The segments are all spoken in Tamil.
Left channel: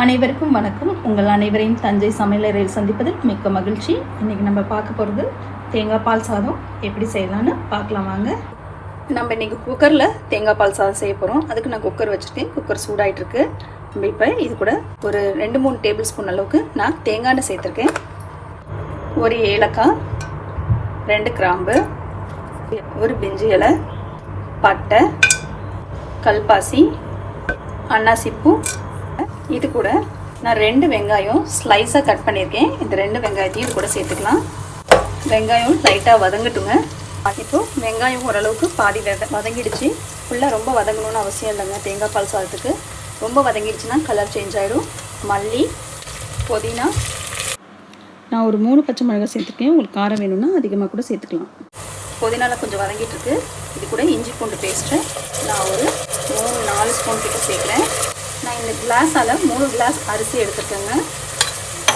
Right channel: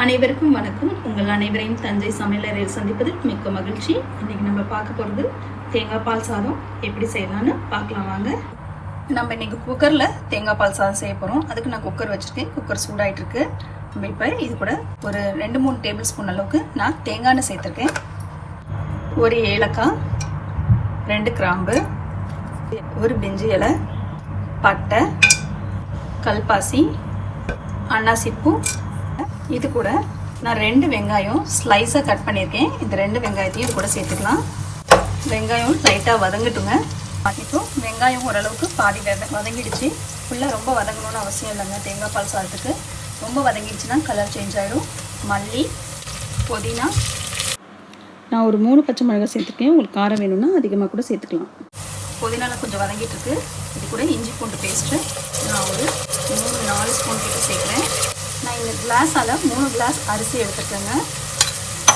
அனைவருக்கும் வணக்கம். உங்கள் அனைவரையும் தஞ்சை சமையலறையில் சந்திப்பதில் மிக்க மகிழ்ச்சி. இன்னைக்கு நம்ம பார்க்க போகிறது தேங்காய் பால் சாதம் எப்படி செய்யலான்னு பார்க்கலாம் வாங்க. நம்ம இன்னைக்கு குக்கரில் தேங்காய் பால் சாதம் செய்ய போகிறோம். அதுக்கு நான் குக்கர் வச்சுருக்கேன். குக்கர் சூடாயிட்டு இருக்கு. நம்ம இப்போ இது கூட ஒரு 2-3 டேபிள் ஸ்பூன் அளவுக்கு நான் தேங்காய் எண்ணெய் சேர்த்துருக்கேன். ஒரு ஏலக்காய், 2 கிராம்பு, ஒரு பிரிஞ்சி இலை, பட்டை, கல்பாசி, அன்னாசிப்பூ. இது கூட நான் 2 வெங்காயம் ஸ்லைஸாக கட் பண்ணியிருக்கேன். இந்த 2 வெங்காயத்தையும் இது கூட சேர்த்துக்கலாம். வெங்காயம் லைட்டாக வதங்கட்டுங்க. இப்போ வெங்காயம் ஓரளவுக்கு பாதி வதங்கிடுச்சு. ஃபுல்லாக ரொம்ப வதங்கணும்னு அவசியம் இல்லைங்க. தேங்காய் பால் சாதத்துக்கு ரொம்ப வதங்கிடுச்சுன்னா கலர் சேஞ்ச் ஆகிடும். மல்லி, புதினா, நான் ஒரு 3 பச்சை மிளகாய் சேர்த்துருக்கேன். உங்களுக்கு காரம் வேணும்னா அதிகமாக கூட சேர்த்துக்கலாம். புதினாவில் கொஞ்சம் வதங்கிட்டு இருக்கு. இது கூட இஞ்சி பூண்டு பேஸ்ட்டு நான் ஒரு 3-4 ஸ்பூன் கிட்ட சேர்க்குறேன். இந்த கிளாஸால் 3 கிளாஸ் அரிசி எடுத்துக்கோங்க.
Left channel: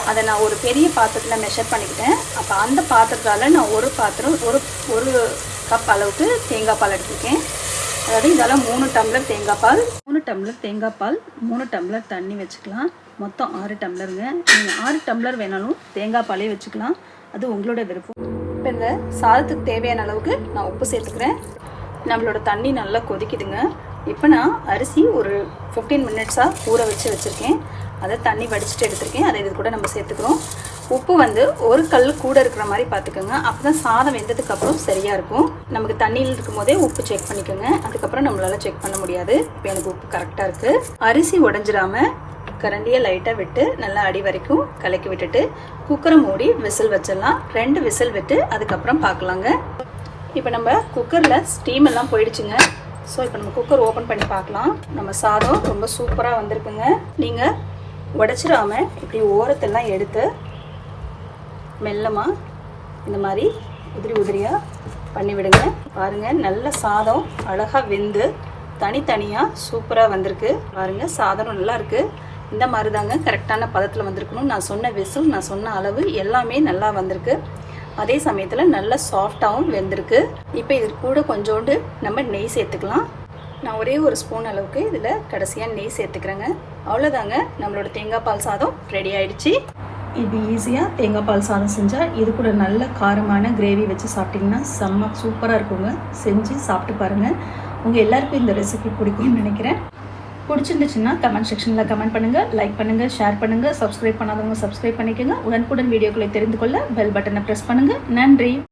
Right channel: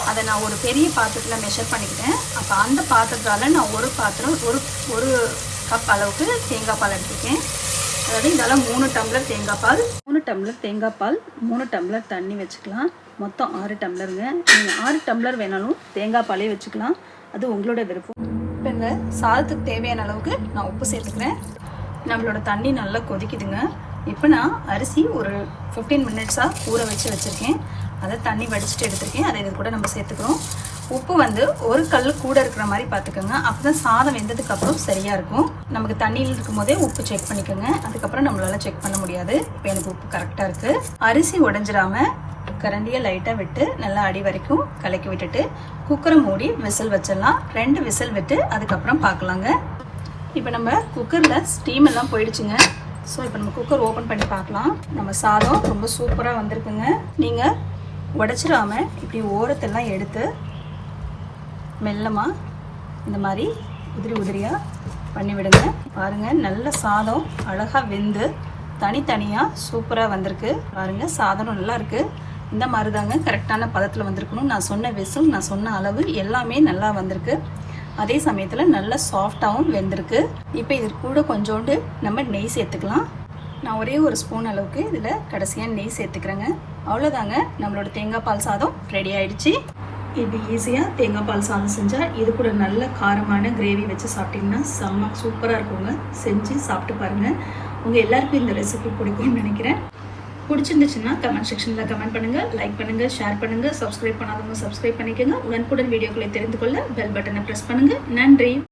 அதை நான் ஒரு பெரிய பாத்திரத்தில் மெஷர் பண்ணிக்கிட்டேன். அப்போ அந்த பாத்திரத்தால் நான் ஒரு கப் அளவுக்கு தேங்காய் பால் எடுத்துருக்கேன். அதாவது இதெல்லாம் 3 டம்ளர் தேங்காய் பால். 3 டம்ளர் தேங்காய் பால், 3 டம்ளர் தண்ணி வச்சுக்கலாம். மொத்தம் 6 டம்ளருங்க. நீங்கள் 6 டம்ளர் வேணாலும் தேங்காய் பாலே வச்சுக்கலாம். அது உங்களோட விருப்பம். இப்போ இந்த சாதத்துக்கு தேவையான அளவுக்கு நான் உப்பு சேர்த்துக்கிறேன். நம்மளோட தண்ணி நல்லா கொதிக்குதுங்க. இப்போ நான் அரிசி ஒரு 15 மினிட்ஸாக ஊற வச்சுருக்கேன். அதை தண்ணி வடிச்சிட்டு எடுத்துருக்கேன். அதை இது கூட நம்ம சேர்த்துக்கிறோம். உப்பு வந்து ஒரு கல் கூட இருக்கிற மாதிரி பார்த்துக்கோங்க. அப்போ தான் சாதம் வெந்ததுக்கப்புறம் சரியாக இருக்கும். நமக்கு தண்ணியில் இருக்கும் போதே உப்பு செக் பண்ணிக்கோங்க. அதுக்கப்புறம் நம்மளால் செக் பண்ண முடியாது. இப்போ எனக்கு உப்பு கரெக்டாக இருக்குது. அரிசி உடஞ்சிடாமல் கரண்டியை லைட்டாக விட்டு நல்லா அடி வரைக்கும் கலக்கி விட்டுட்டு குக்கரை மூடி விசில் வச்சிடலாம். 2 விசில் விட்டு அதுக்கப்புறம் பார்க்கலாங்க. இப்போ நம்ம குக்கரில் ஸ்டீம் எல்லாம் போயிடுச்சுங்க. ஸோ இப்போ நம்ம குக்கர் ஓப்பன் பண்ணி பார்க்கலாம். நம்ம சாதம் ரொம்ப சூப்பராக வந்திருக்குங்க. நீங்கள் உடைச்சிடாம இப்படி ஓரத்தெல்லாம் எடுத்து மெல்லமாக இந்த மாதிரி உதிரியாக பண்ணி விடுங்க. பாருங்கள், நல்ல சாதம் அழகாக வெந்து தனித்தனியாக சூப்பராக வந்திருக்கு. பாருங்கள், சாதம் நல்லா இருக்குது. இந்த மாதிரி தாங்க கரெக்டான பதத்தில் வந்திருக்கணும். நான் சொன்ன விசில், நான் சொன்ன அளவு எல்லாமே நல்லா வந்திருக்கு. அதே சமயத்தில் நல்லா சாஃப்டாகவும் வெந்திருக்கு. இப்போ இது கூட கொஞ்சோண்டு நம்ம நெய் சேர்த்துக்கலாம். நான் ஒரே ஒரு ஸ்பூன் அளவுக்கு இதில் கடைசியாக நெய் சேர்த்துக்கிறேங்க. அவ்வளோதாங்க, நம்மளோட தேங்காய் பால் சாதம் ரெடி ஆயிடுச்சு. இது ஈஸியாக தேங்காய் பால் சாதம் செஞ்சால் இது கூட நல்ல காரமான கிரேவி வச்சு சாப்பிட்டிங்கன்னா செம்ம சூப்பராக இருக்குங்க. செஞ்சு சாப்பிட்டு பாருங்கள். உங்கள் எல்லாருக்கும் இந்த ரெசிபி பிடிக்கும்னு நினைக்கிறேன். பிடிச்சிருந்துச்சுன்னா கமெண்ட் செக்ஷனில் கமெண்ட் பண்ணுங்கள், லைக் பண்ணுங்கள், ஷேர் பண்ணுங்கள். சப்ஸ்கிரைப் பண்ணாதவங்க சப்ஸ்கிரைப் பண்ணிக்கோங்க. உடனுக்குடன் வீடியோக்களை தெரிந்து கொள்ள பெல் பட்டனை ப்ரெஸ் பண்ணுங்கள். நன்றி.